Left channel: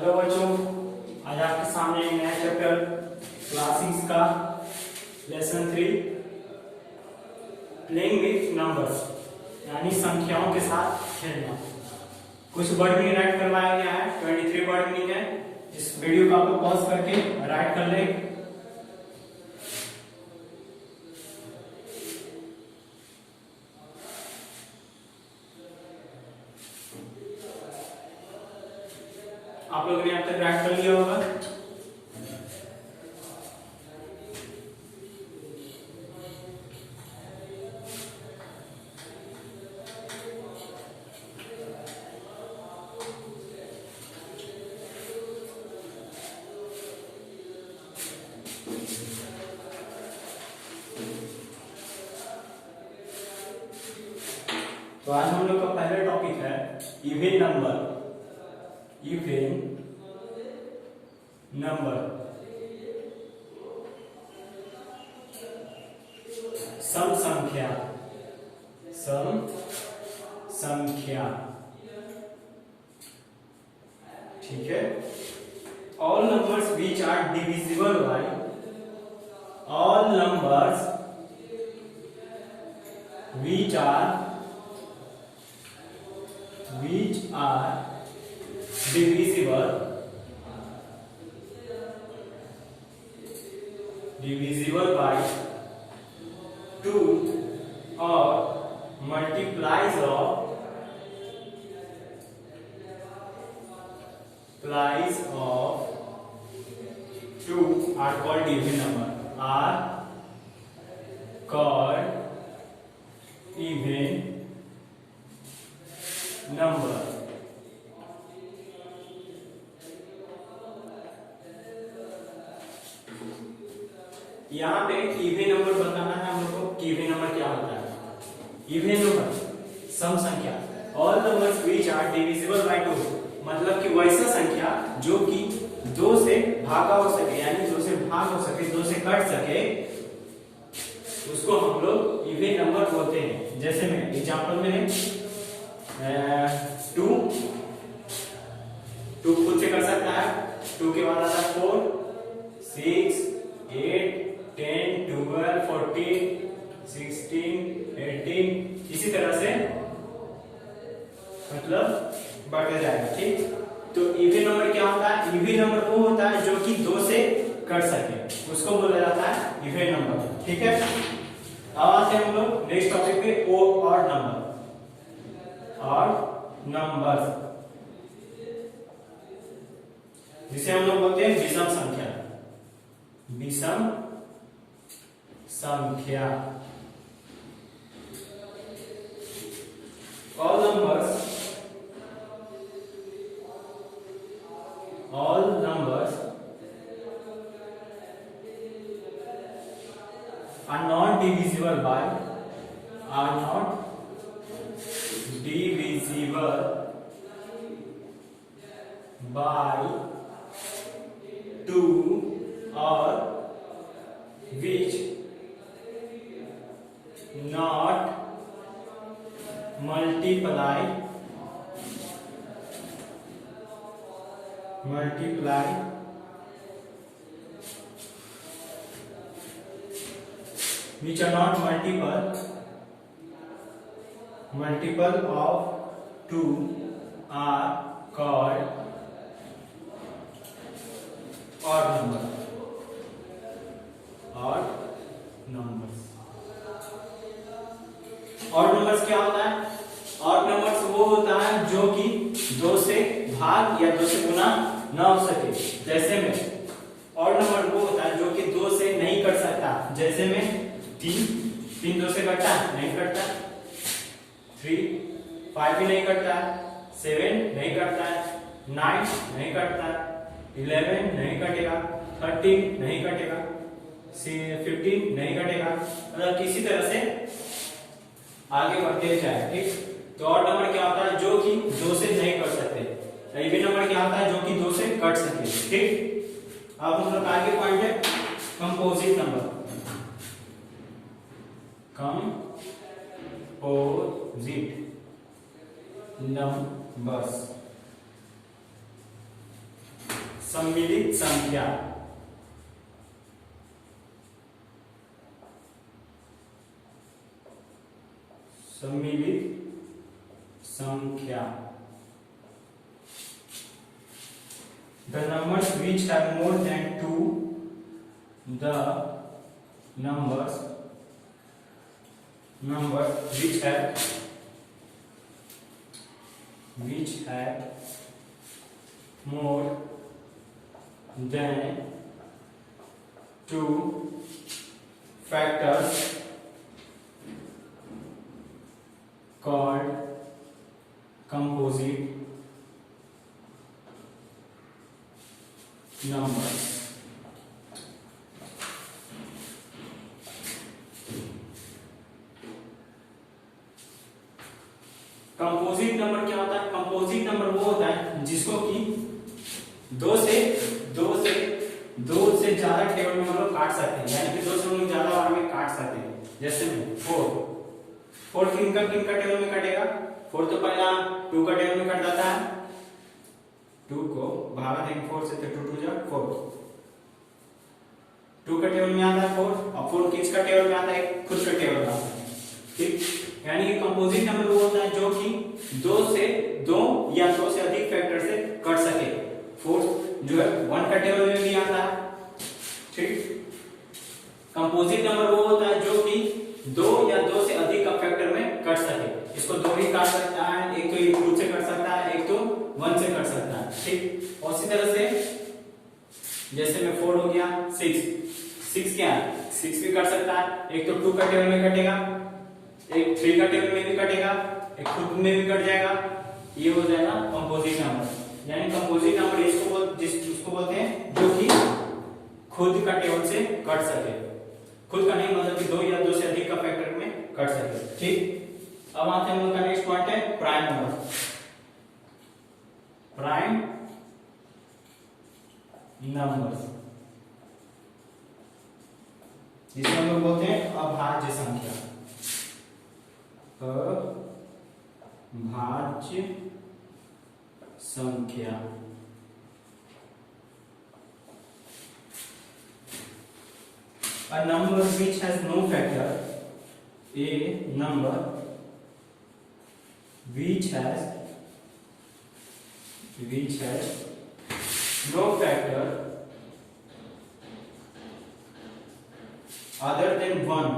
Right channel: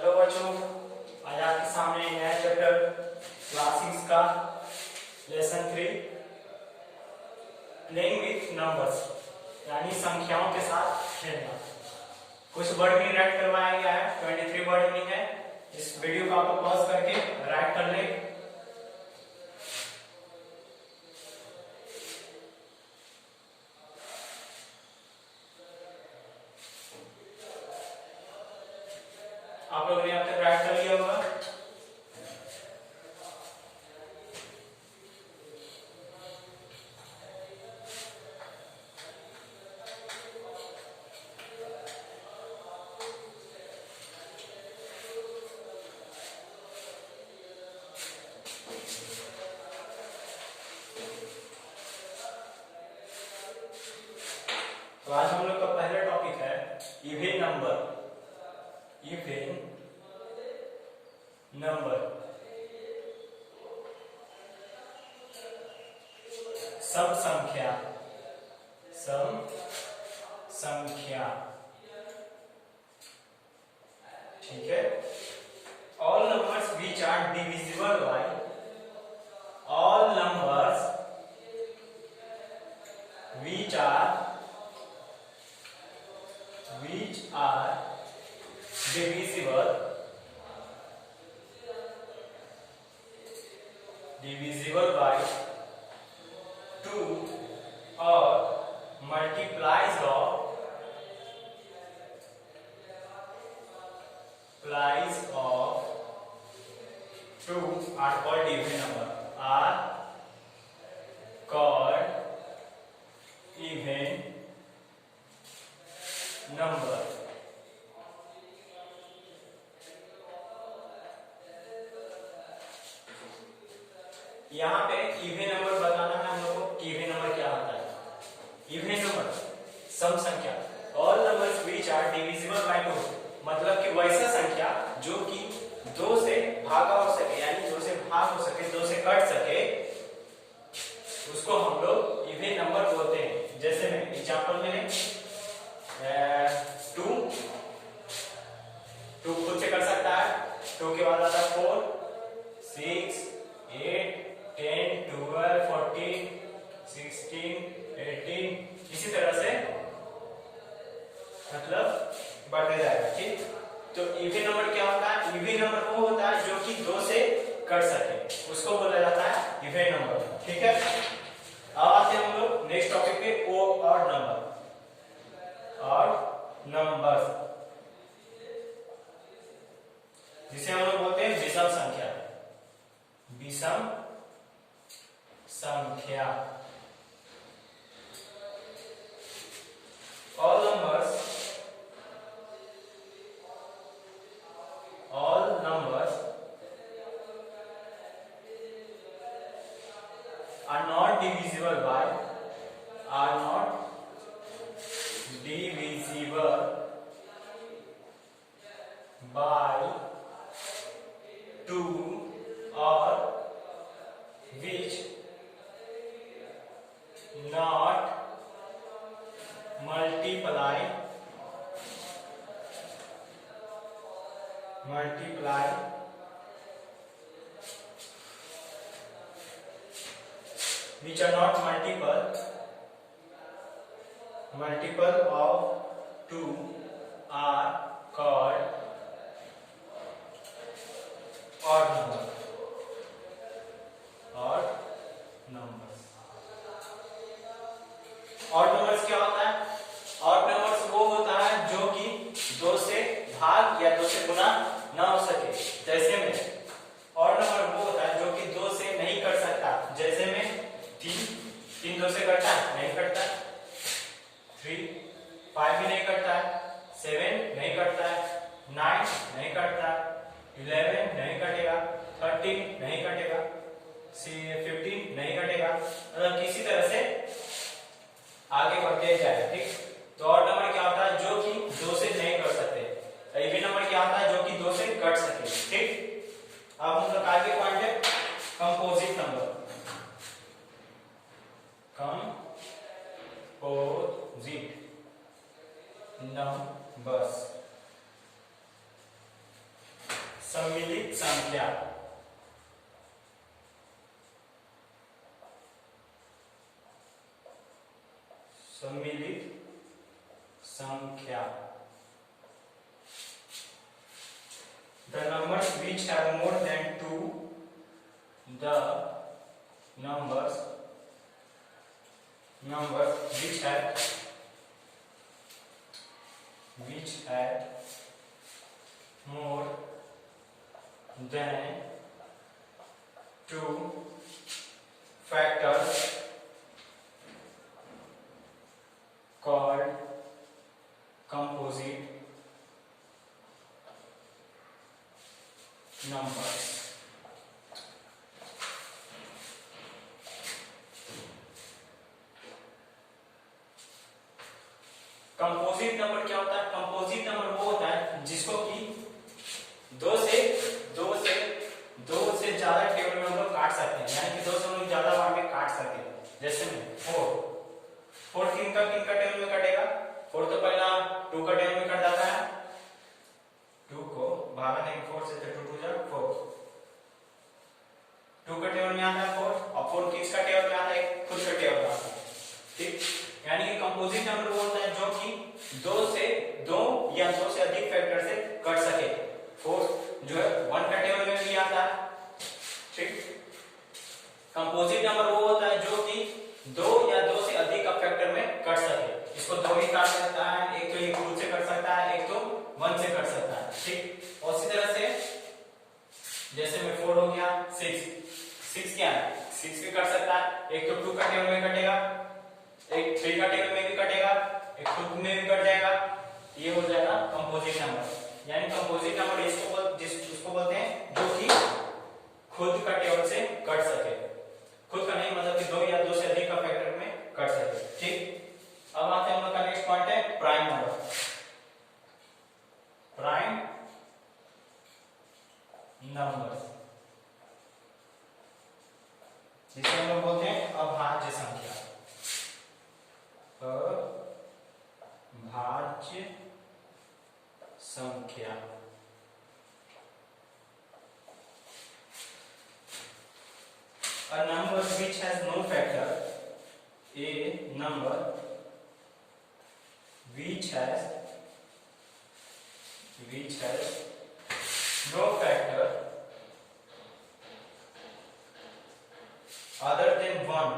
Hello बच्चों, आज आपके सामने नया चैप्टर क्लास 6 का लेसन 3 प्लेइंग विथ नंबर्स यानी संख्याओं के साथ खेलना। कुछ वर्ड मीनिंग राइट करवाया गया है, 23 वर्ड मीनिंग है। इस वीडियो को आपको पॉज करके राइट कर ले। आप लोगों ने अब तक राइट कर लिया होगा। तो आज हम लोग का पहला टॉपिक है इवन नंबर। इवन नंबर सम संख्या। सम संख्या, ठीक है। All numbers which are divisible by, all numbers which are divisible by 2 or multiplies of 2 are called even number, are called even number। यहाँ पे इवन नंबर बताना है हम लोग को। इवन नंबर क्या होता है? इवन नंबर सम संख्या। All numbers which are divisible by 2, मतलब कि वैसा संख्या जो कि 2 से भागा हो सके, यानी 2 से भाग हो सके, 2 से कट सके, उसको हम लोग इवन नंबर बोलते हैं। जैसे में एग्जांपल में 2 खुद से कर सकता है, 2 के बाद आता है 4, 6, 8, 10, 12, 14, 16, 18, इसी तरह से मतलब बढ़ते जाएगा। ठीक, तो इवन नंबर क्या होता है? इवन नंबर वो होता है जो कि 2 से कट सके, उसको बोला जाता है इवन नंबर। ठीक है, अब आते हैं हम लोग नेक्स्ट टॉपिक पे, ऑड नंबर। ऑड नंबर जिसे हम लोग बोलते हैं विषम संख्या। विषम संख्या। All numbers are not divisible by 2 or which not multiply which are not multiple of 2 are called odd number। odd numbers। odd numbers क्या होता है? odd numbers वो होता है जो कि 2 से भाग या 2 से गुना ना हो सके। जैसे में odd number वो होता है जो कि 2 से नहीं कट सकता। जैसे में 3 2 से कटता है? नहीं कटता। 3 5 भी नहीं कटता है। 7 नहीं कटता है। 9 नहीं कटता है। 11 नहीं कटेगा। 13 नहीं कटेगा। 15 नहीं कटेगा। मतलब किसी तरह से आगे बढ़ते जाए। ठीक, तो ऑड नंबर क्या होता है? जो कि 2 से नहीं कट सकते। इवन नंबर क्या होता है? जो कि 2 से कट सके। ठीक, अब हम लोग आगे पॉइंट है कंपोजिट नंबर। कंपोजिट नंबर्स सम्मिलित संख्या। सम्मिलित संख्या। The numbers which have more than 2, the numbers which have more than 2 factors called composite numbers। Composite number क्या होता है? कंपोजिट नंबर वो होता है जिसको कि दो से ज्यादा टेबल में हम लोग काट सकते हैं, यानी कि दो से हम लोग ज्यादा बार में काट सकते हैं। जैसे में फोर किन का टेबल में कटेगा? फोर तो पहला 2 का टेबल में कट जाता है, 2 को भागा देंगे 4 से तो 2 2 जा 4, 2 का टेबल में आता है 4, और 4 किसका टेबल में आता है? खुद का टेबल में आता है। ठीक, यानी कि कंपोजिट नंबर वो होता है जो कि दो या दो से अधिक फैक्टर से कट सके। 4 जो है 1 का टेबल में भी आता है। ठीक, कंपोजिट नंबर वो होता है जो कि 2 या 2 से अधिक का फैक्टर में कट सके। इसको 2 ही काट सकता है, एक तो ये खुद से कट सकता है, एक तो 1 से कट सकता है। ठीक, और इसी तरह से जैसे में 4 हो गया, 6 क्या है? 6 भी कट सकता है, एक तो 2 का टेबल में कटेगा, एक 3 का टेबल में भी कटेगा, एक खुद में भी कट जाएगा। ये हो जाएगा कंपोजिट नंबर। यानी कंपोजिट नंबर उसको बोलते हैं जो कि खुद का टेबल से कट सके। खुद का नहीं मतलब कि 2 या 2 से अधिक का फैक्टर में कट सके। ठीक, अब आते हैं हम लोग का नेक्स्ट पॉइंट है प्राइम नंबर। प्राइम नंबर जिसे हम लोग बोलते हैं अभाज्य संख्या। अभाज्य संख्या। A number which has no factor, a number which has no factor other than 1,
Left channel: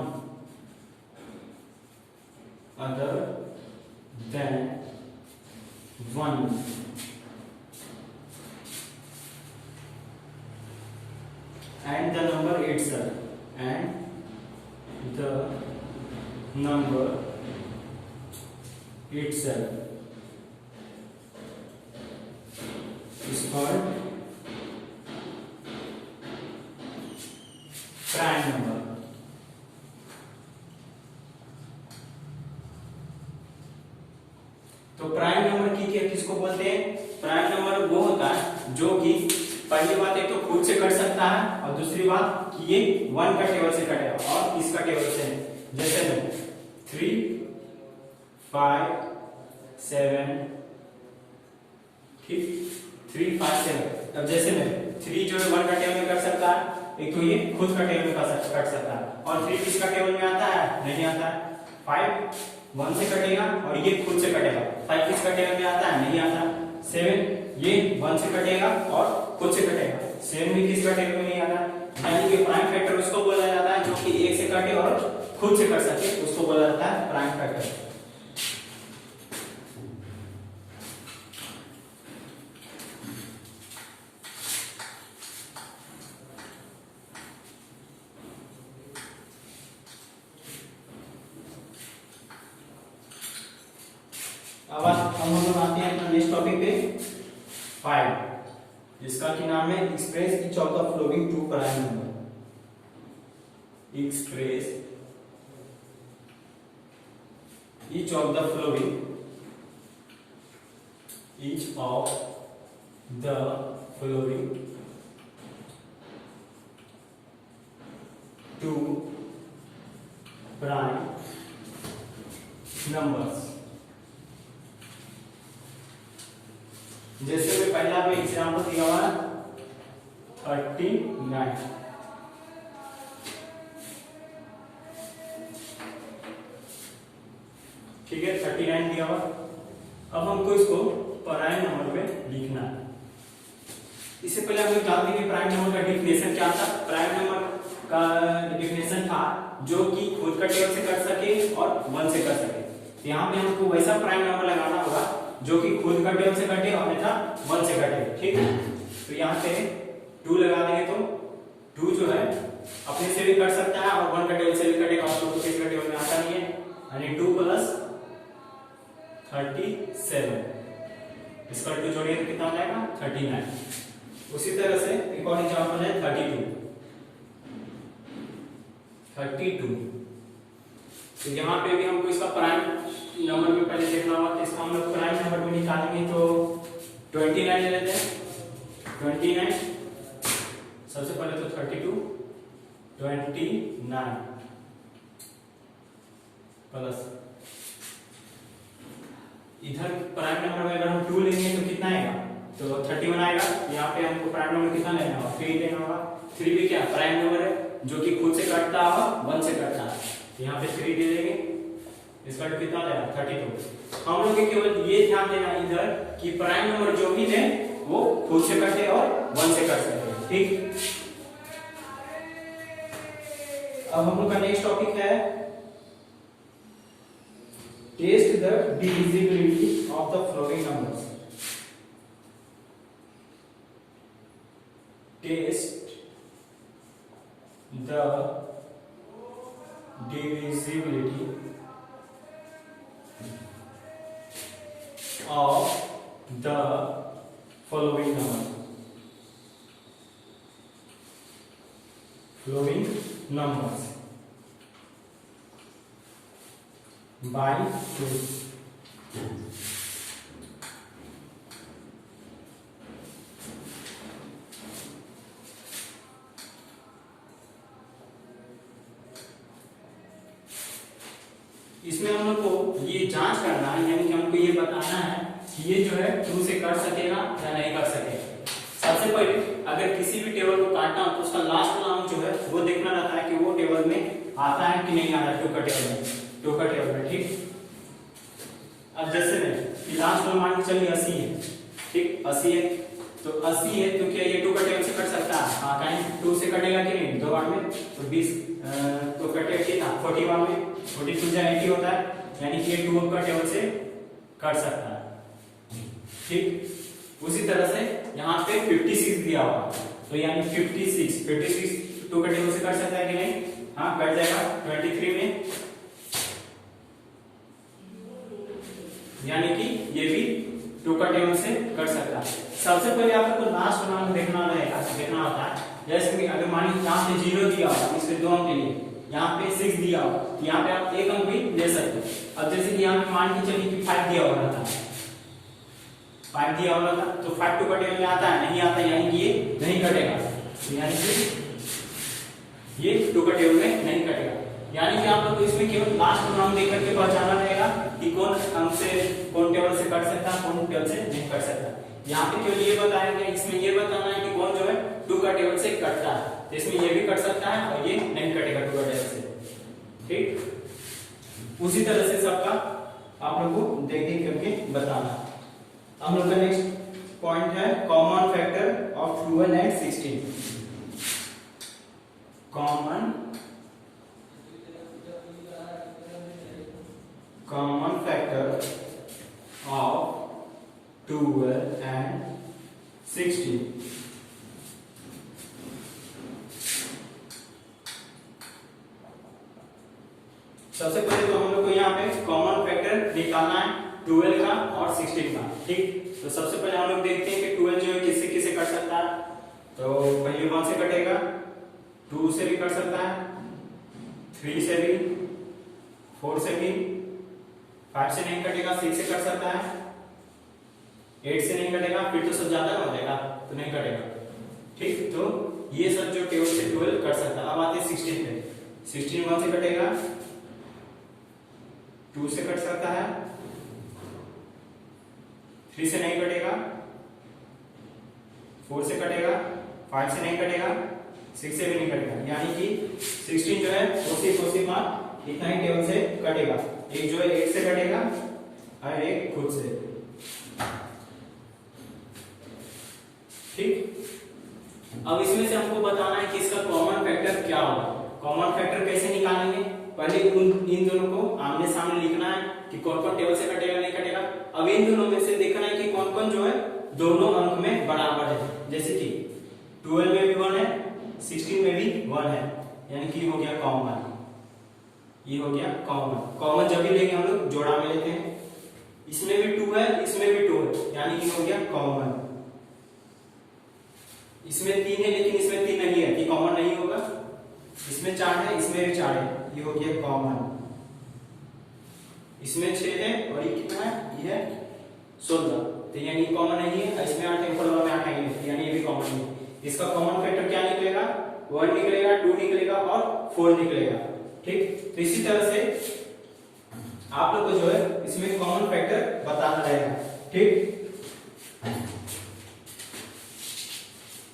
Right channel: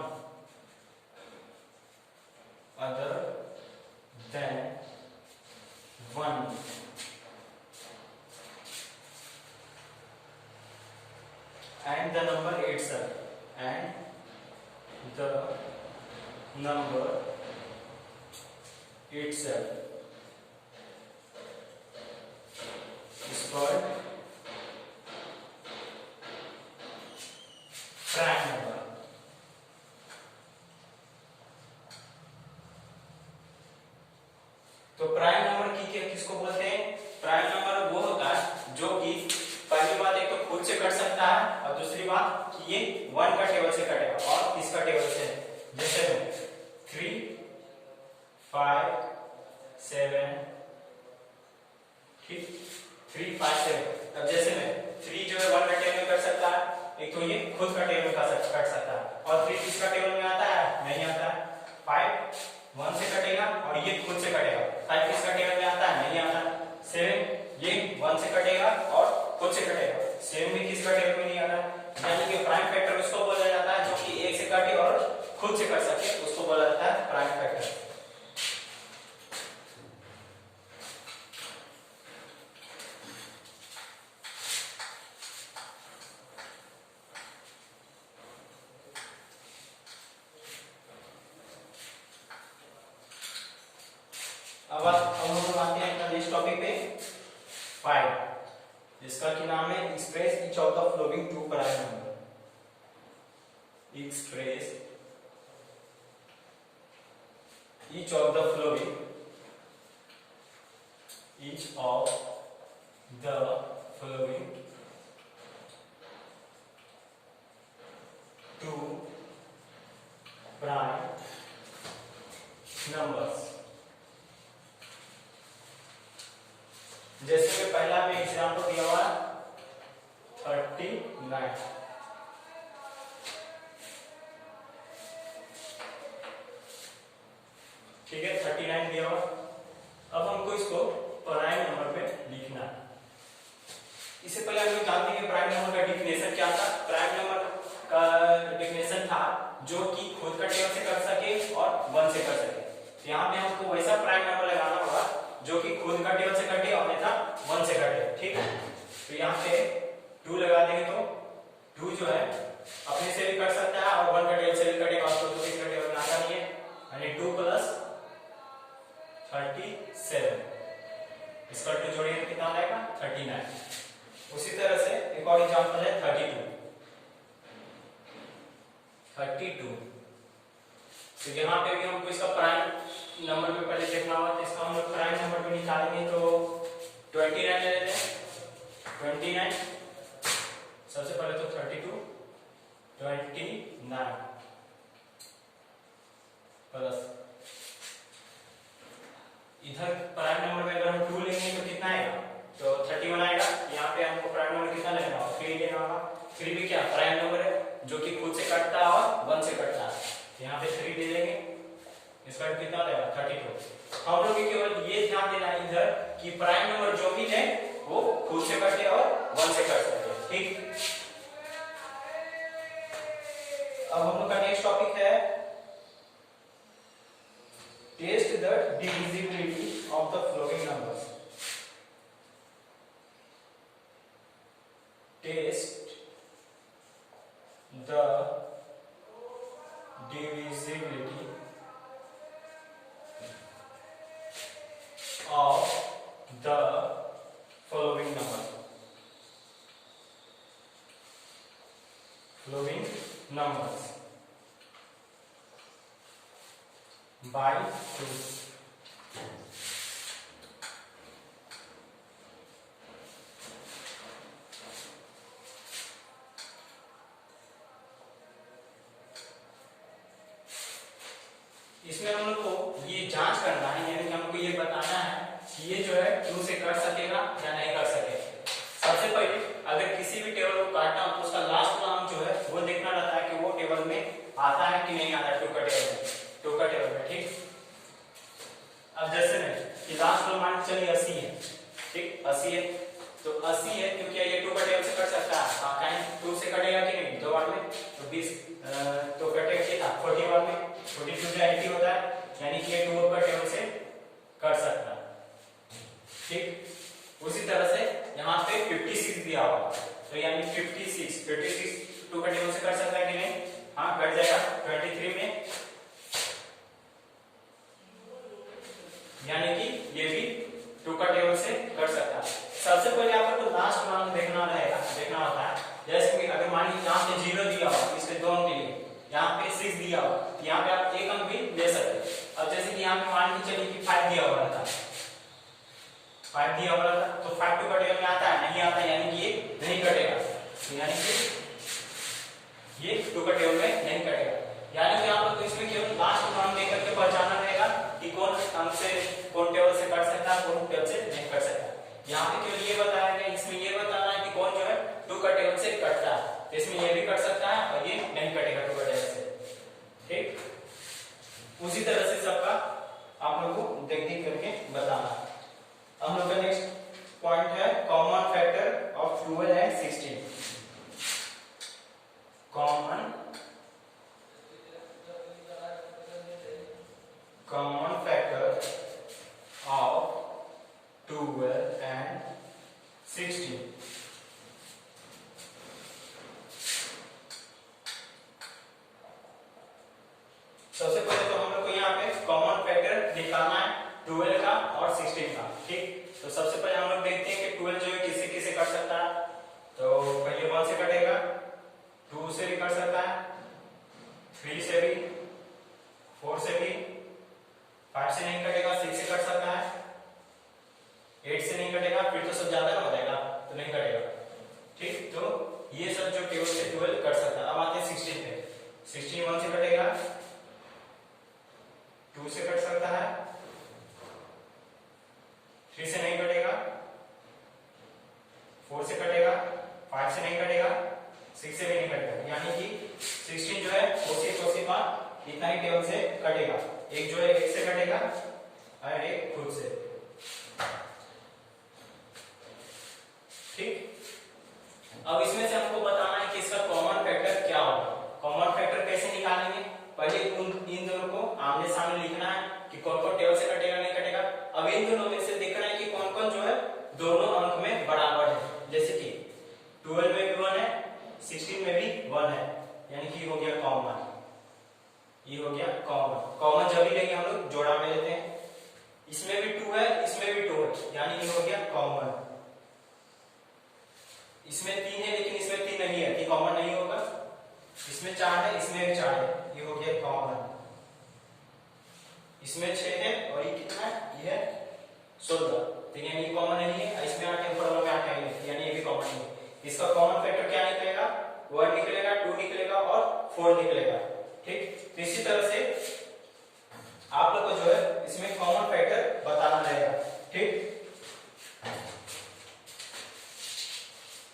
and the number itself is called prime number। तो प्राइम नंबर की किसको बोलते हैं? प्राइम नंबर वो होता है जो कि पहली बात एक तो खुद से कट सकता है, और दूसरी बात कि ये 1 का टेबल से कटेगा और किसका टेबल से? जैसे में 3 5 7, ठीक, 3 5 7। अब जैसे में 3 जो है 1 का टेबल में कट सकता है, एक तो ये खुद का टेबल में कट सकता है, और 3 किसका टेबल में आता है? नहीं आता है। 5 1 से कटेगा और ये खुद से कटेगा। 5 किसका टेबल में आता है? नहीं आता। 7 ये 1 से कटेगा और खुद से कटेगा। 7 भी किसका टेबल में नहीं आता। यानी कि प्राइम फैक्टर उसको बोला जाता है जो कि 1 से कटे और खुद से कट सके, उसको बोला जाता है प्राइम फैक्टर। अब हम लोग आते हैं अपना नेक्स्ट टॉपिक पे 5, जिसका कि नाम है express each of the following 2 prime number. Express each of the following 2 prime numbers. जैसे कि पहला भी एग्जाम्पल दिया हुआ है 39। ठीक है, 39 दिया हुआ। अब हमको इसको प्राइम नंबर पे लिखना है। इससे पहले हम लोग जानते हैं कि प्राइम नंबर का डिफिनेशन क्या था। प्राइम नंबर का डिफिनेशन था जो कि खुद का टेबल से कर सके और 1 से कर सके। तो यहाँ पे हमको वैसा प्राइम नंबर लगाना होगा जो कि खुद का टेबल से कटे और अन्यथा 1 से कटे। ठीक है, तो यहाँ पे 2 लगा देंगे तो 2 जो है अपने से भी कर सकता है और 1 का टेबल से भी कटेगा और 2 किसी का टेबल में आता नहीं है, यानी 2 + 37 इसका 2 जोड़िए तो कितना आएगा 39। उसी तरह से एक और एग्जांपल है 32। तो यहाँ पे भी हमको इसका प्राइम नंबर में पहले देखना होगा, तो इसको हम लोग प्राइम नंबर में निकालेंगे तो 29 ले लेते हैं। 29 सबसे पहले तो 32 29 प्लस इधर प्राइम नंबर में अगर हम 2 लेंगे तो कितना आएगा, तो 31 आएगा। यहाँ पे हमको प्राइम नंबर कितना लेना होगा 3 लेना होगा। 3 भी क्या प्राइम नंबर है जो कि खुद से कटता होगा 1 से कटता है, तो यहाँ पे 3 ले लेंगे। इसका कितना आ जाएगा 32। हम लोग केवल ये ध्यान देना इधर कि प्राइम नंबर जो भी ले वो खुद से कटे और 1 से कट सकते हैं। ठीक, अब हम लोग का नेक्स्ट टॉपिक है test the divisibility of the following numbers. Test the divisibility of the following numbers by 2। इसमें हम लोग को ये जांच करना है, यानी कि हमको ये बताना है कि ये जो है 2 से कर सकेगा या नहीं कर सकेगा। सबसे पहले अगर किसी भी टेबल को काटना हो तो उसका लास्ट नाम जो है वो देखना रहता है कि वो टेबल में आता है कि नहीं आता 2 का टेबल में। ठीक, अब जैसे में लास्ट वाला मान के चलिए 80 है। ठीक, 80 है तो 80 है तो क्या ये 2 का टेबल से कट सकता है? हाँ, कहीं 2 से कटेगा कि नहीं 2 बार में, तो 20 तो कटेगा कितना 40 बार में। 42 या 80 होता है, यानी कि ये 2 का टेबल से कर सकता है। ठीक, उसी तरह से यहाँ पे 56 दिया हुआ, तो यानी 56 2 का टेबल से कर सकता है कि नहीं? हाँ, कट जाएगा 23 में, यानी कि ये भी 2 का टेबल से कर सकता है। सबसे पहले आपको लास्ट नाम देखना होता है। जैसे कि अगर मान लीजिए यहाँ पे 0 दिया हुआ, इससे 2 अंक के लिए, यहाँ पे 6 दिया हुआ, तो यहाँ पे आप 1 अंक भी ले सकते हो। अब जैसे कि यहाँ पे मान के चलिए कि 5 दिया हुआ था, 5 दिया हुआ था, तो 5 2 का टेबल में आता है नहीं आता, यानी कि ये नहीं कटेगा, यानी कि ये 2 का टेबल में नहीं कटेगा। यानी कि आप लोग तो इसमें केवल लास्ट नाम देख करके पहचाना रहेगा कि कौन अंक से कौन टेबल से कट सकता है, कौन टेबल से नहीं कट सकता। यहाँ पे केवल ये बताया गया, इसमें ये बताना है कि कौन जो है 2 का टेबल से कटता है, तो इसमें ये भी कट सकता है और ये नहीं कटेगा 2 का टेबल से। ठीक, उसी तरह से सबका आप लोग को देख करके बताना। हम लोग का नेक्स्ट पॉइंट है common factor of 12 and 16। Common factor of 12 and 16। सबसे पहले तो हम लोग को यहाँ पे कॉमन फैक्टर निकालना है 12 का और 16 का। ठीक, तो सबसे पहले हम लोग देखते हैं कि 12 जो है किससे किससे कट सकता है। तो पहले 1 से कटेगा, 2 से भी कट सकता है, 3 से भी, 4 से भी, 5 से नहीं कटेगा, 6 से कट सकता है, 8 से नहीं कटेगा, फिर तो सब ज्यादा ना हो जाएगा तो नहीं कटेगा। ठीक, तो ये सब जो टेबल से 12 कट सकता है। अब आते हैं 16 पे। 16 1 से कटेगा, 2 से कट सकता है, 3 से नहीं कटेगा, 4 से कटेगा, 5 से नहीं कटेगा, 6 से भी नहीं कटेगा, यानी कि 16 जो है उसी का इतना ही टेबल से कटेगा। एक जो है 8 से कटेगा और एक खुद से। ठीक, अब इसमें से हमको बताना है कि इसका कॉमन फैक्टर क्या होगा। कॉमन फैक्टर कैसे निकालेंगे, पहले इन दोनों को आमने सामने लिखना है कि कौन कौन टेबल से कटेगा नहीं कटेगा। अब इन दोनों में से देखना है कि कौन कौन जो है दोनों अंक में बराबर है। जैसे कि 12 में भी 1 है, 16 में भी 1 है, यानी कि हो गया कॉमन। ये हो गया कॉमन। कॉमन जब भी लेंगे हम लोग जोड़ा में लेते हैं। इसमें भी 2 है, इसमें भी 2 है, यानी कि हो गया कॉमन। इसमें 3 है लेकिन इसमें 3 नहीं है, कि कॉमन नहीं होगा। इसमें 4 है, इसमें भी 4 है, ये हो गया कॉमन। इसमें 6 है और ये कितना है, ये है 16, तो यानी कॉमन नहीं है। इसमें 8 है, ऊपर वाला में 8 है, यानी ये भी कॉमन नहीं है। इसका कॉमन फैक्टर क्या निकलेगा, 1 निकलेगा, 2 निकलेगा और 4 निकलेगा। ठीक, तो इसी तरह से आप लोग को जो है इसमें कॉमन फैक्टर बताना रहेगा। ठीक,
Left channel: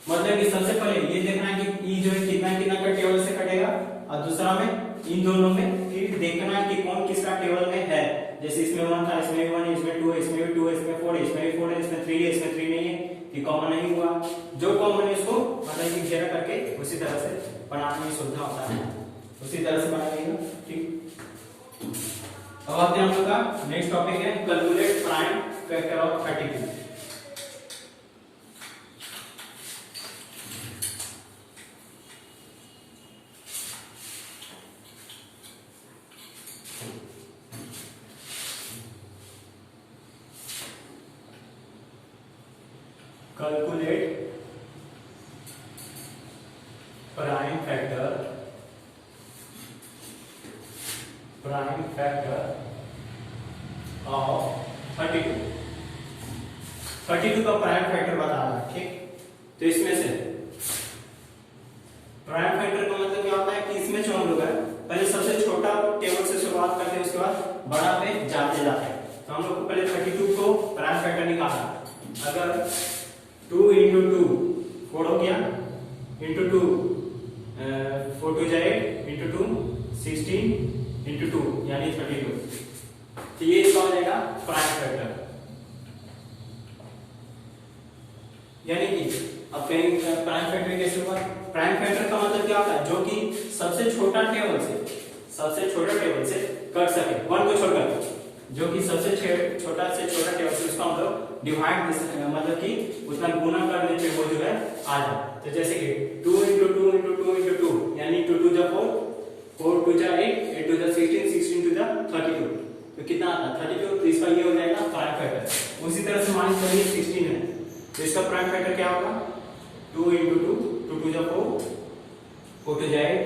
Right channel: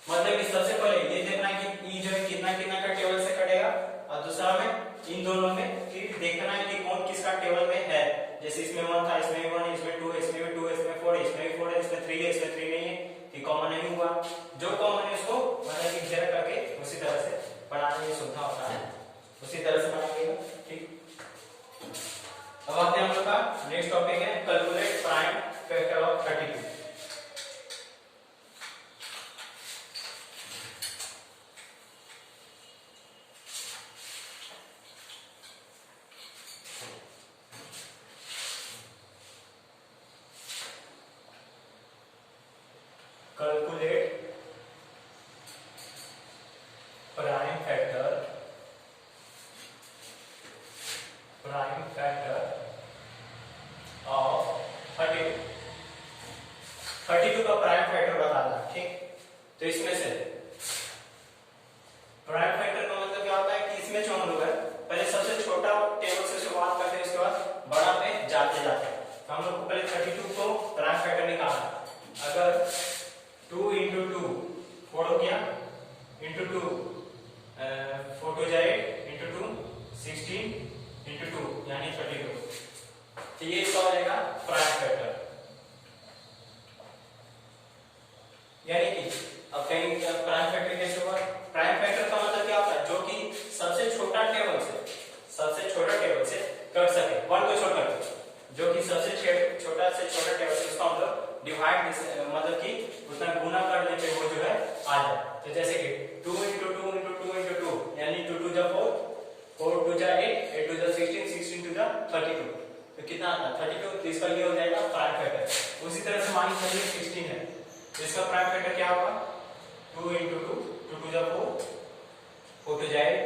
मतलब कि सबसे पहले ये देखना है कि ई जो है कितना कितना का टेबल से कटेगा, और दूसरा में इन दोनों में फिर देखना है कि कौन किसका टेबल में है। जैसे इसमें 1 था, इसमें भी 1 है, इसमें 2 है, इसमें भी 2 है, इसमें 4 है, इसमें भी 4 है, इसमें 3 है, इसमें 3 नहीं है, कि कॉमन नहीं हुआ। जो कॉमन है इसको मतलब कि घेरा करके उसी तरह से बनाने में सुविधा होता है, उसी तरह से बनाइएगा। ठीक, अब आते हैं हम लोग का नेक्स्ट टॉपिक है calculate prime factor of 32। Calculate prime factor of 32। 32 का प्राइम फैक्टर बताना है। ठीक, तो इसमें से प्राइम फैक्टर का मतलब क्या होता है कि इसमें जो हम लोग है पहले सबसे छोटा टेबल से शुरुआत करते हैं, उसके बाद बड़ा पे जाते जाते हैं। तो हम लोग को पहले 32 को प्राइम फैक्टर निकालना। अगर 2 into 2 4 हो गया, into 2 4 2 जा 8, into 2 16, into 2 यानी 32। तो ये इसका हो जाएगा प्राइम फैक्टर। यानी कि अब कहीं प्राइम फैक्टर कैसे हुआ, प्राइम फैक्टर का मतलब क्या होता है, जो कि सबसे छोटा टेबल से कट सके, 1 को छोड़कर, जो कि सबसे छोटा से छोटा टेबल से उसको हम लोग डिवाइड मतलब कि उतना गुना करने पे वो जो है आ जाए। तो जैसे कि 2 into 2 into 2 into 2 यानी 2 2 जा 4, 4 2 जा 8, 8 2 जा 16, 16 2 जा 32। तो कितना आता है 32, तो इसका ये हो जाएगा प्राइम फैक्टर। उसी तरह से मान लीजिए 16 है, तो इसका प्राइम फैक्टर क्या होगा, 2 into 2, 2 2 जा 4, 4 2 जा 8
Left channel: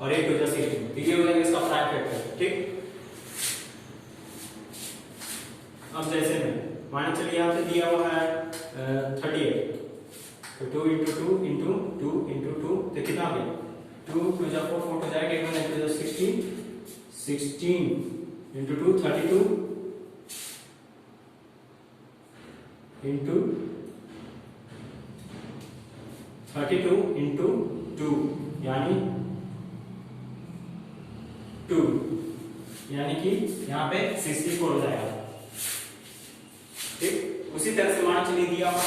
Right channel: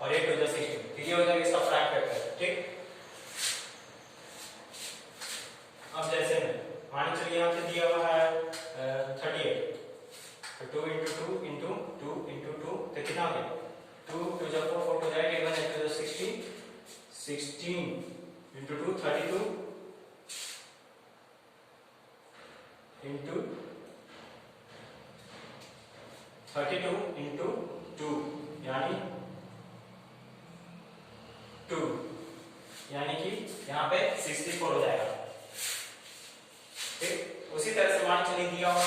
और 8 2 जा 16, तो ये हो जाएगा इसका प्राइम फैक्टर। ठीक, अब जैसे में मान चलिए यहाँ से दिया हुआ है 38, तो 2 into 2 into 2 into 2, तो कितना हो गया, 2 2 जा 4, 4 2 जा 8, 8 2 जा 16, 16 into 2 32 into 32 into 2 यानी 2, यानी कि यहाँ पे 64 हो जाएगा। ठीक, उसी तरह से मान चलिए दिया हुआ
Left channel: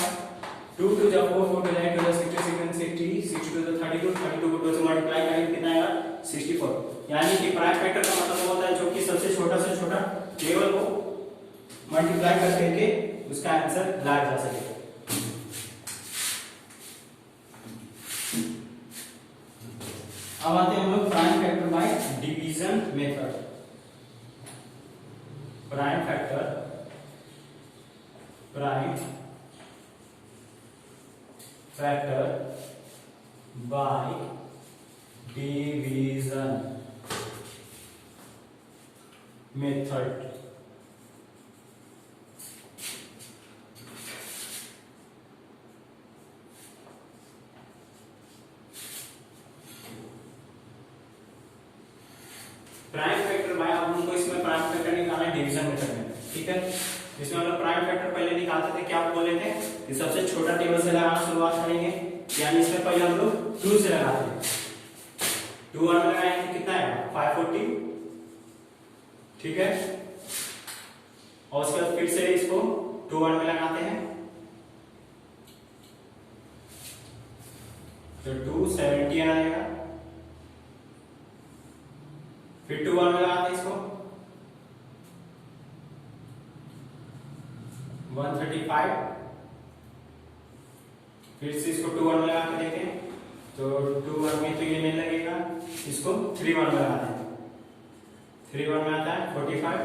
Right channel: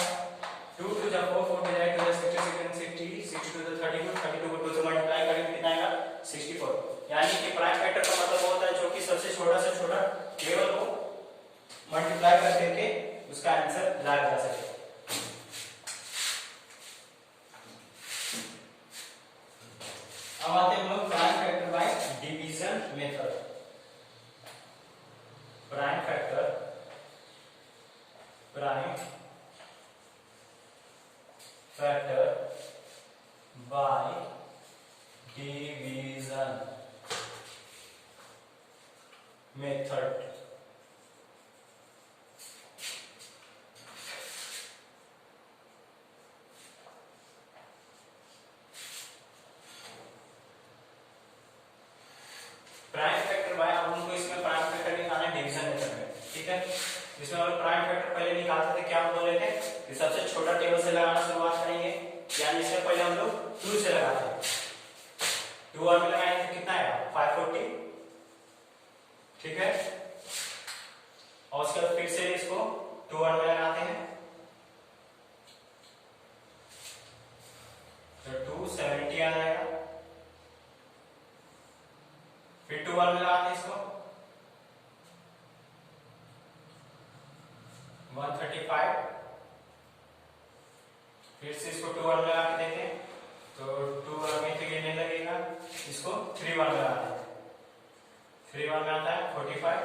2 2 जा 4, 4 2 जा 8, 2 जा 60, 60, 62 जा 32, 32 को 2 से मल्टीप्लाई करेंगे कितना आएगा 64। यानी कि प्राइम फैक्टर का मतलब होता है जो कि सबसे छोटा से छोटा टेबल को मल्टीप्लाई कर करके उसका आंसर लाया जा सके। अब आते हैं हम लोग prime factor by division method. Prime factor by division method। Prime factor by, अब हमको इसमें प्राइम फैक्टर निकालना है डिवीजन मेथड में। ठीक है, इसमें हम लोग प्राइम फैक्टर पहले निकालते थे, क्या बोले थे कि सबसे छोटा टेबल से लगाना शुरुआत करेंगे, यानी इसमें पहले हम लोग 2 से लगाते हैं। 2 और में लगाएंगे तो कितना आएगा 540, ठीक है। और उसके बाद फिर से इसको 2 और में लगाते हैं तो 270 आएगा। फिर 2 और में लगाते हैं इसको 135, फिर से इसको 2 और में लगा के देते हैं तो 2 और में तो ये नहीं लगेगा, इसको 3 और में लगाते हैं। 3 और में आता है 45,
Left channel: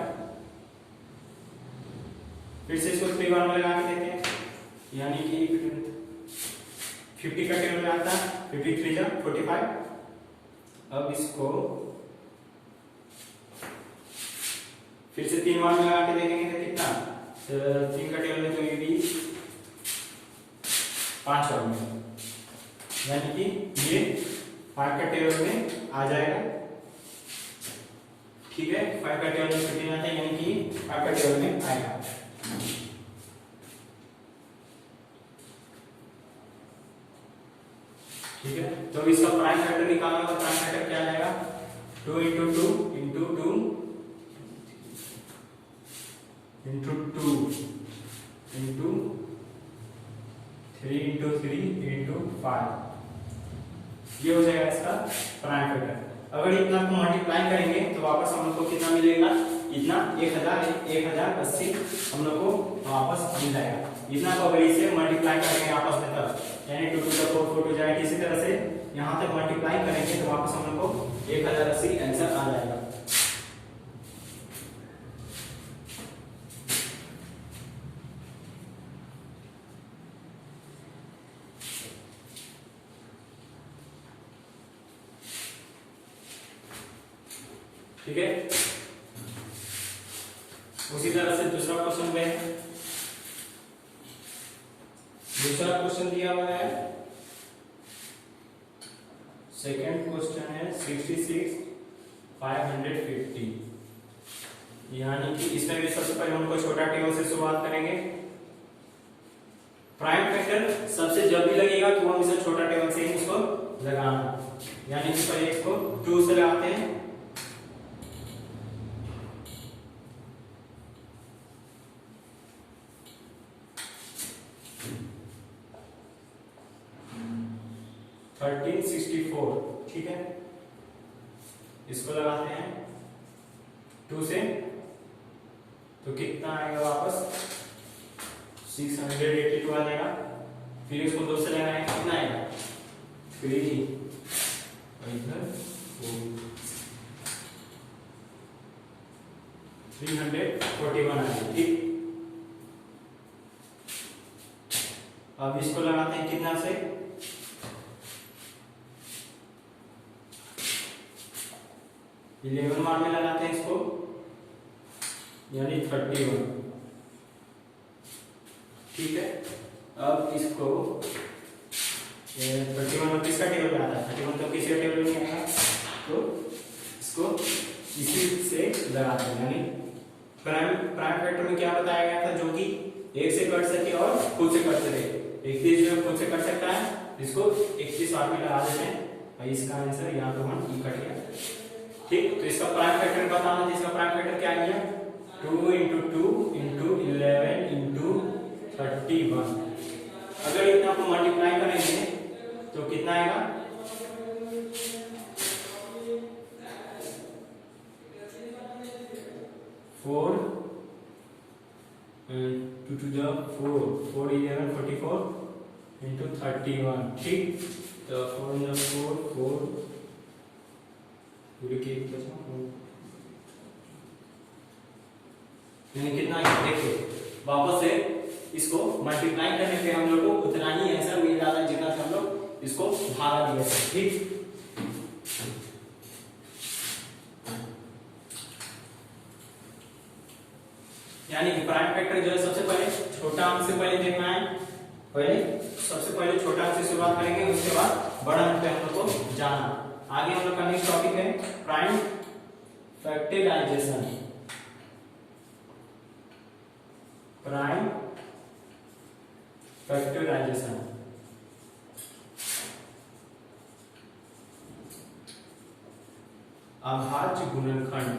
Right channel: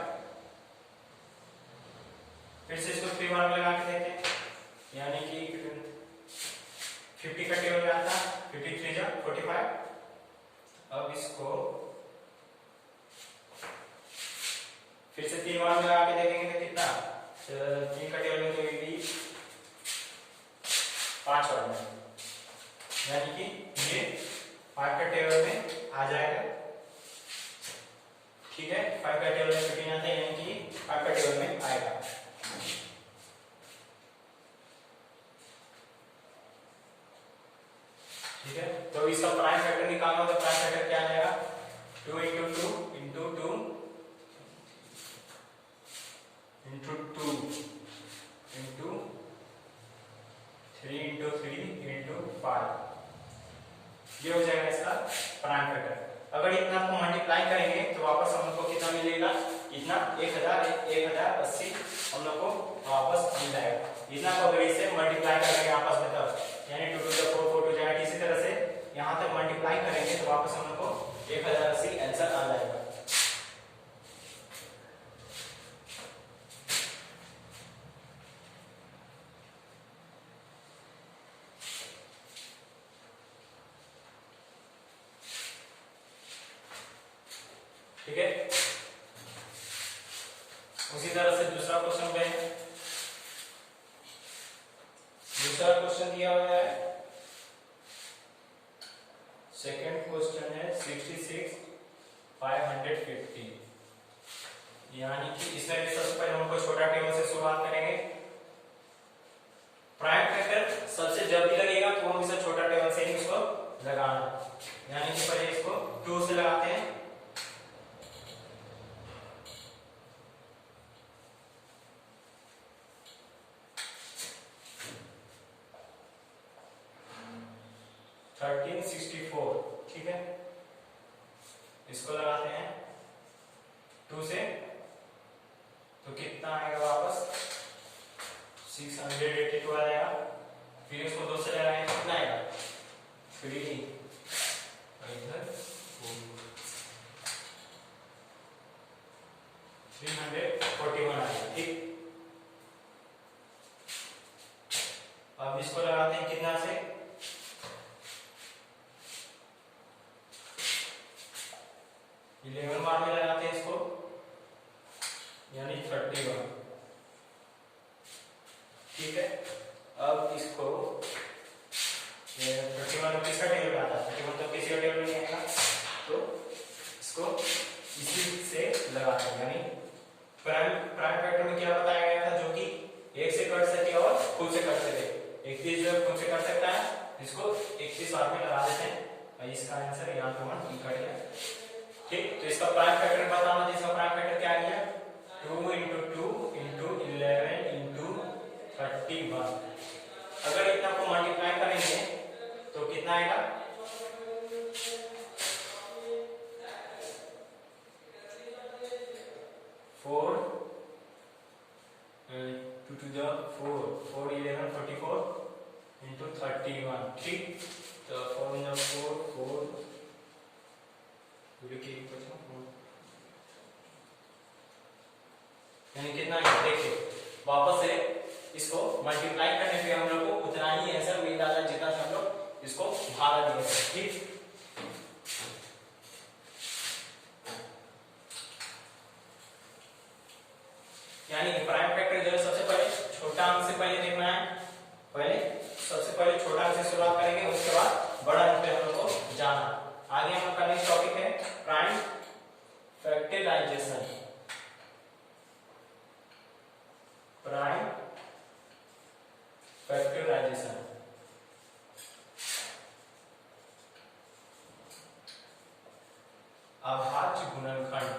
फिर से इसको 3 और में लगा के देते हैं यानी कि 50 का टेबल आता है 53 जा 45। अब इसको फिर से 3 और में लगा के देखेंगे तो कितना 3 का टेबल में तो ये भी 5 और में, यानी कि ये 5 का टेबल में आ जाएगा, ठीक है। 5 का टेबल में छुट्टी आता है यानी कि 5 का टेबल में आएगा। ठीक है, तो इसका प्राइम फैक्टर निकालना तो प्राइम फैक्टर क्या आ जाएगा 2 into 2 into 2 into 2 into 3 into 3 into 5, ये हो जाएगा इसका प्राइम फैक्टर। अगर इतना को मल्टीप्लाई करेंगे तो वापस हम लोग को कितना मिलेगा, इतना 1080 हम लोग को वापस मिल जाएगा। इतना को अगर इसे मल्टीप्लाई करेंगे आपस में तब यानी 2 to the 4 4 to जाएगा। इसी तरह से यहाँ तक मल्टीप्लाई करेंगे तो वापस हम लोग को 1080 आंसर आ जाएगा। ठीक है, उसी तरह से दूसरा क्वेश्चन पे दूसरा क्वेश्चन दिया हुआ है। सेकंड क्वेश्चन है 66 550, यानी कि इसमें भी सबसे पहले हम कोई छोटा टेबल से शुरुआत करेंगे। प्राइम फैक्टर सबसे जब भी लगेगा तो हम इसे छोटा टेबल से ही इसको लगाना, यानी कि पहले इसको 2 से लगाते हैं 1364, ठीक है। इसको लगाते हैं 2 से तो कितना आएगा वापस 682 आ जाएगा। फिर इसको 2 से लगाएंगे कितना आएगा 341 आएगा, ठीक। अब इसको लगाते हैं कितना से 11 मार में लगाते हैं इसको यानी 31, ठीक है। अब इसको 31 किसका टेबल में आता है 31 तो किसी का टेबल में नहीं आएगा तो इसको इसी से लगाते हैं, यानी प्राइम फैक्टर में क्या बताया गया था जो कि 1 से कट सके और खुद से कट सके। 31 जो खुद से कट सकता है इसको 31 बार में लगा देते हैं, इसका आंसर यहाँ पे 1 कट गया, ठीक। तो इसका प्राइम फैक्टर बताना, तो इसका प्राइम फैक्टर क्या आ गया 2 into 2 into 11 into 31। अगर इतना को मल्टीप्लाई करेंगे तो कितना आएगा 4 2 to the 4 4 11 44 into 31, ठीक। तो 4 in the 4 4 पूरी की कितना देखिए वापस से इसको मल्टीप्लाई करने पे हम लोग को उतना ही आंसर मिल रहा है जितना हम लोग इसको भागा दिया, ठीक। यानी कि प्राइम फैक्टर जो है सबसे पहले छोटा अंक से पहले देखना है, सबसे पहले छोटा अंक से शुरुआत करेंगे, उसके बाद बड़ा अंक पे हम लोग को जाना। आगे हम लोग का नेक्स्ट टॉपिक है प्राइम फैक्टराइजेशन। प्राइम फैक्टराइजेशन अभाज्य गुणनखंड,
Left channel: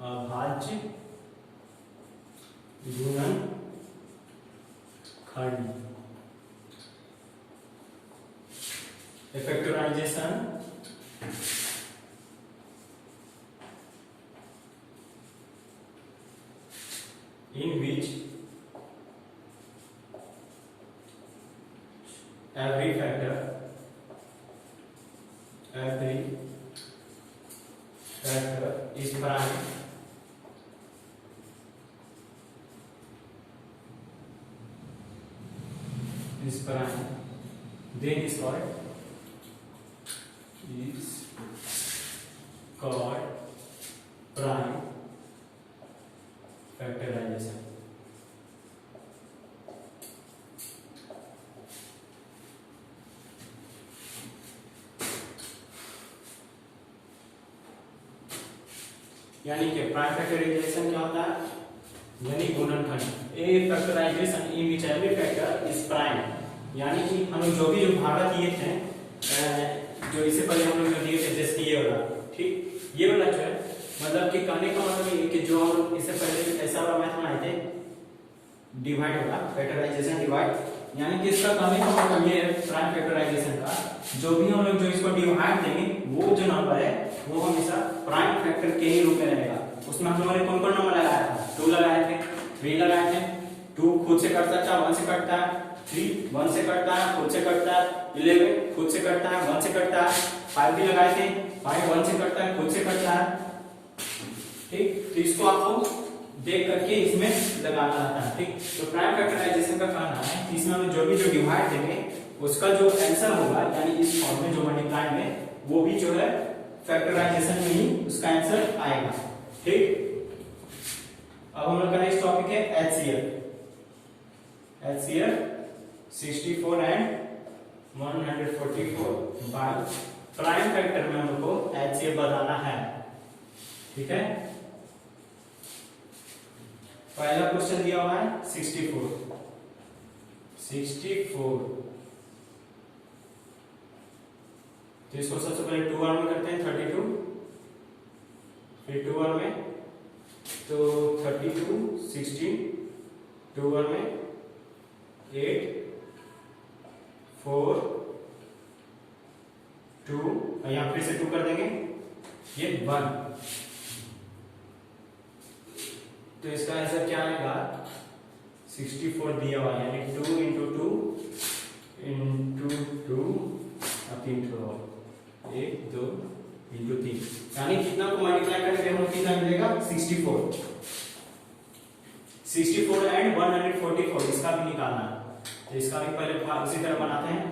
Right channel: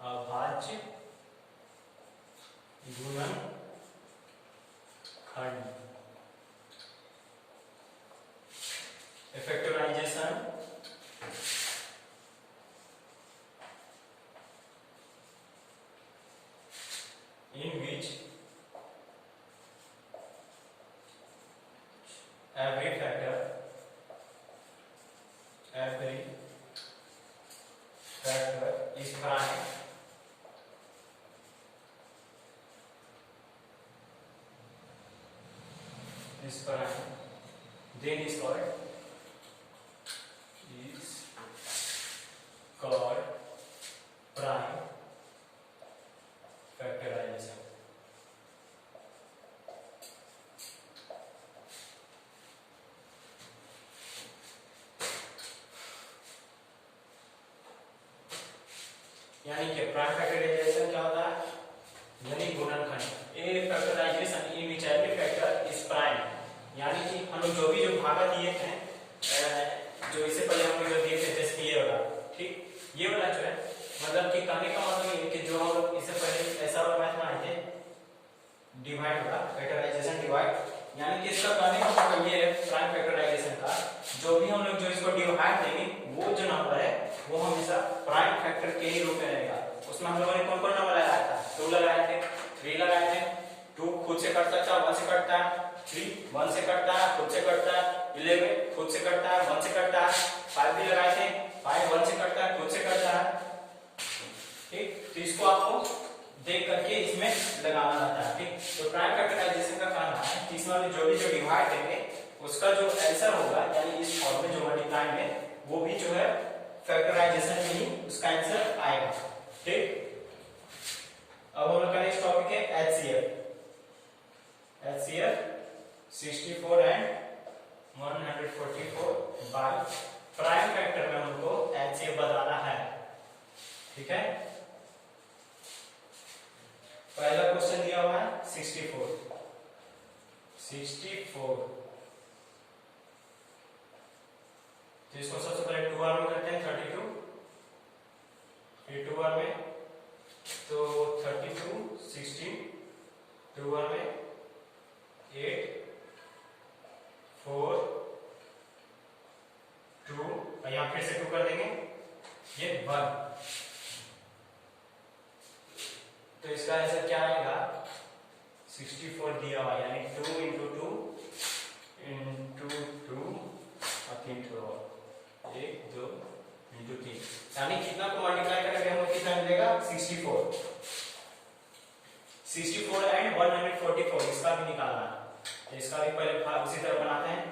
अभाज्य गुणनखंड, a factorization in which every factor is prime then is called prime factorization. यानी कि प्राइम फैक्टराइजेशन क्या होता है, यानी गुणनखंड, a factorization in which every factor is prime, यानी कि हम लोग जो भी भागा दिए थे, जो इससे पहले हम लोग जो दिए थे जैसे ये वाला, ठीक, ये वाला जो है मतलब कि कहने का मतलब ये कि जो हम लोग इससे पहले ऐसा वाला मैथ बनाए थे डिवाइड वाला फैक्टराइजेशन डिवाइड, यानी कि इसका कहने का मतलब ये है प्राइम फैक्टराइजेशन का जो भी हम लोग जो इसको डिवाइड देंगे वो जो नंबर है वो हमेशा प्राइम फैक्टर के ही रूप में रहेगा। उसमें हम लोगों ने कौन कौन नंबर लगाया था, 2 लगाए थे, 3 लगाए थे, 2 खुद से कटता है, 1 से कटता है, 3 1 से कटता है, खुद से कटता है, 11 खुद से कटता है, 1 से कटता है, 5 भी लगाए थे, 5 1 से कटता है, खुद से कटता है, ठीक। तो इसको आपको देख करके इसमें लगाना रहता है, ठीक। तो प्राइम फैक्टराइजेशन का कहना है कि इसमें हम जो भी जो डिवाइड देंगे उसका जो आंसर होगा यानी इस फॉर्म में जो मल्टीप्लाई में वो भी जो है फैक्टराइजेशन में ही उसका आंसर आएगा, ठीक। अब हम लोग का नेक्स्ट टॉपिक है HCF 64 and 144 by prime factor में हमको HCF बताना है, ठीक है। पहला क्वेश्चन दिया हुआ है 64 तो इसको सबसे पहले 2 बार में करते हैं 32, फिर 2 बार में तो 32 16, 2 बार में 8 4 2 और यहां फिर से 2 कर देंगे ये 1, तो इसका आंसर क्या आएगा 64 दिया हुआ यानी 2 into 2 into 2 और 3 छोड़ो 1 2 into 3 यानी कितना को मल्टीप्लाई करेंगे हमें कितना मिलेगा 64 एंड 144 इसका भी निकालना है, तो इसका भी पहले भाग उसी तरह बनाते हैं।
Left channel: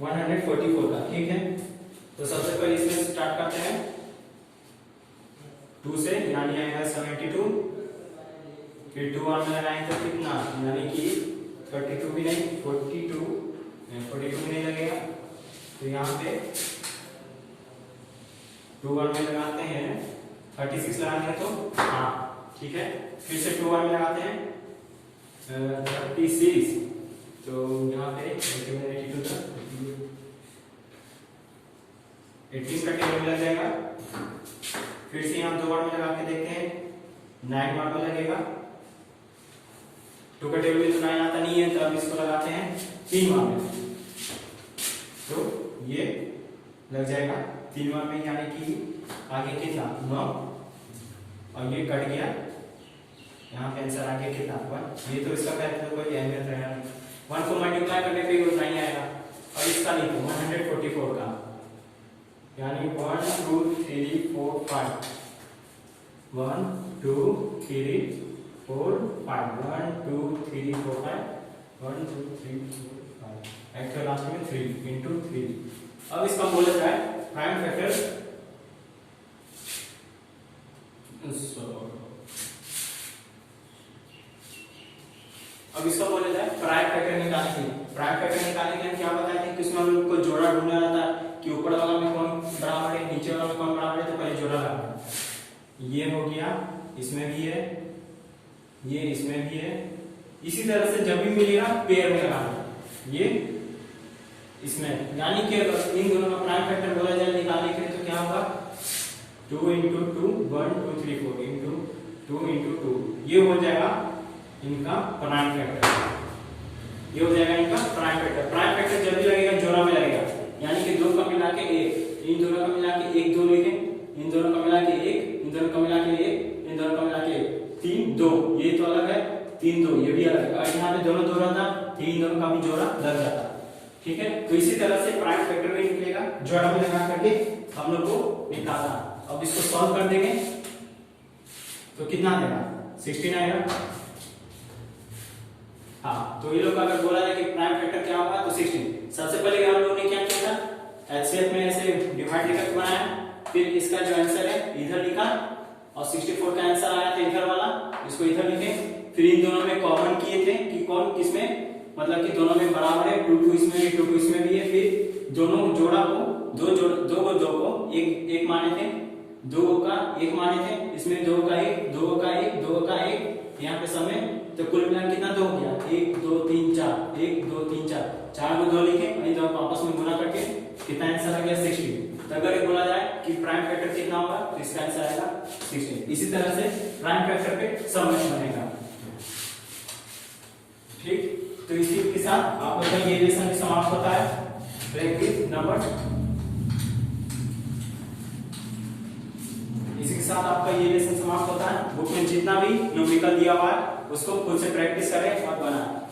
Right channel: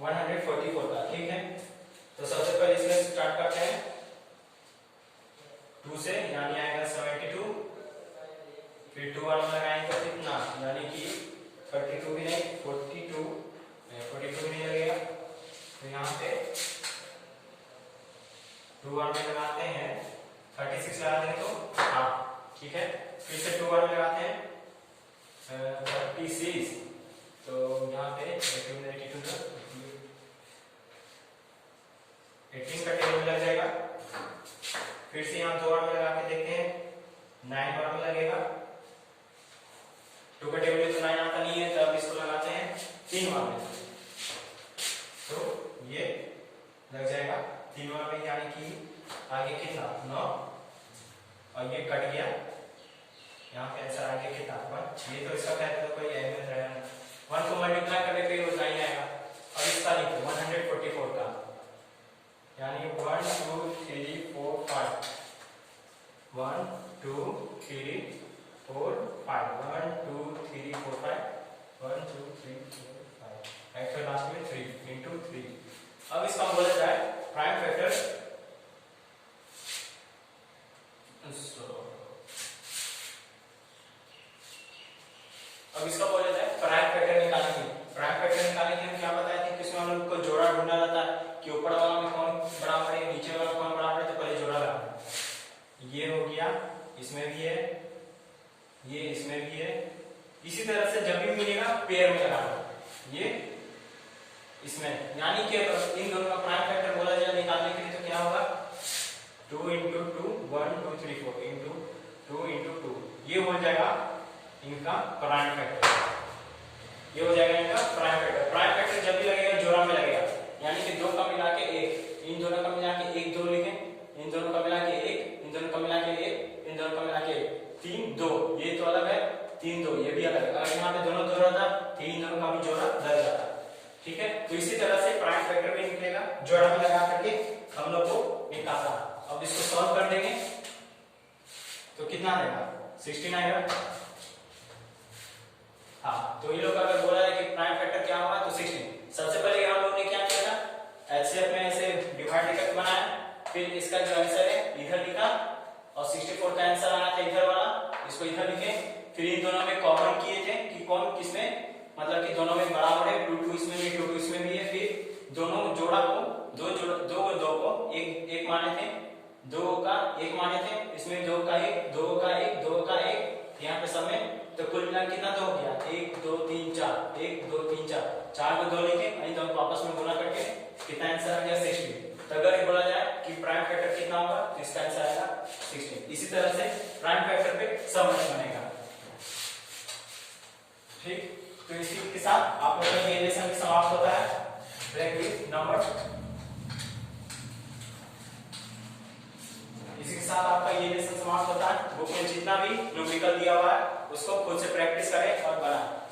144 का, ठीक है। तो सबसे पहले इसमें स्टार्ट करते हैं 2 से यानी आएगा 72, फिर 2 बार में लगाएंगे तो कितना यानी कि 32 भी नहीं 42 भी नहीं लगेगा, तो यहाँ पे 2 बार में लगाते हैं 36 लगाते हैं तो हाँ ठीक है, फिर से 2 बार में लगाते हैं 36, तो यहाँ पे 18 का टेबल लग जाएगा, फिर से यहाँ 2 बार में लगा के देखते हैं 9 बार में लगेगा, 2 का टेबल तो 9 आता नहीं है, तो अब इसको लगाते हैं 3 बार में, तो ये लग जाएगा 3 बार में, यानी कि आगे कितना 9 और ये कट गया, यहाँ पे आंसर आगे कितना 1, ये तो इसका तो कोई अहमियत रहेगा नहीं, 1 को मल्टीप्लाई करने पे उतना ही आएगा। और इसका लिखो 144 का यानी 1 2 3 4 5 1 2 3 4 5 1 2 3 4 5 1 2 3 4 5 एक्चुअल लास्ट में 3 into 3। अब इसका बोला जाए प्राइम फैक्टर, अब इसका बोला जाए प्राइम फैक्टर निकालने के लिए। प्राइम फैक्टर निकालने के लिए हम क्या बताए थे कि इसमें हम लोग को जोड़ा ढूंढना रहता है कि ऊपर वाला में कौन बराबर है नीचे वाला में कौन बराबर है, तो पहले जोड़ा लगाना है। ये हो गया, इसमें भी है, ये इसमें भी है, इसी तरह से जब भी मिलेगा पेयर में लगाना ये इसमें, यानी कि अगर इन दोनों का प्राइम फैक्टर बोला जाए निकालने के लिए तो क्या होगा 2 into 2 1 2 3 4 into 2 into 2 ये हो जाएगा इनका प्राइम फैक्टर, ये हो जाएगा इनका प्राइम फैक्टर। प्राइम फैक्टर जब भी लगेगा जोड़ा में लगेगा, यानी कि 2 का मिला के 1, इन दोनों का मिला के 1 2 लिखे, इन दोनों का मिला के 1, इन दोनों का मिला के 1, इन दोनों का मिला के 3 2, ये तो अलग है 3 2, ये भी अलग है। अगर यहाँ पे दोनों दो रहता तो इन दोनों का भी जोड़ा लग जाता, ठीक है। तो इसी तरह से प्राइम फैक्टर भी निकलेगा जोड़ा में लगा करके हम लोग को निकालना। अब इसको सॉल्व कर देंगे तो कितना देगा 16 आएगा। हाँ, तो ये लोग अगर बोला जाए कि प्राइम फैक्टर क्या होगा तो 16। सबसे पहले हम लोग ने क्या किया था एचसीएफ में ऐसे डिवाइड लेकर बनाया, फिर इसका जो आंसर है इधर लिखा और 64 का आंसर आया था इधर वाला, इसको इधर लिखे। फिर इन दोनों में कॉमन किए थे कि कौन किसमें, मतलब कि दोनों में बराबर है, 2 2 इसमें भी 2 2 इसमें भी है। फिर दोनों जोड़ा को दो को एक माने थे, 2 का 1 माने थे, इसमें 2 का 1 2 का 1 2 का 1 यहाँ पे सब में, तो कुल मिला कितना 2 हो गया 1 2 3 4 1 2 3 4 4 को 2 लिखे और इन दोनों को आपस में गुणा करके कितना आंसर आ गया 16। तो अगर बोला जाए कि प्राइम फैक्टर कितना होगा तो इसका आंसर आएगा 16। इसी तरह से प्राइम फैक्टर पे सब बनेगा, ठीक। तो इसी के साथ आप लोग का ये लेसन समाप्त होता है प्रैक्टिस नंबर, इसी के साथ आपका ये लेसन समाप्त होता है। बुक में जितना भी न्यूमेरिकल दिया हुआ है उसको खुद से प्रैक्टिस करें और बनाएं।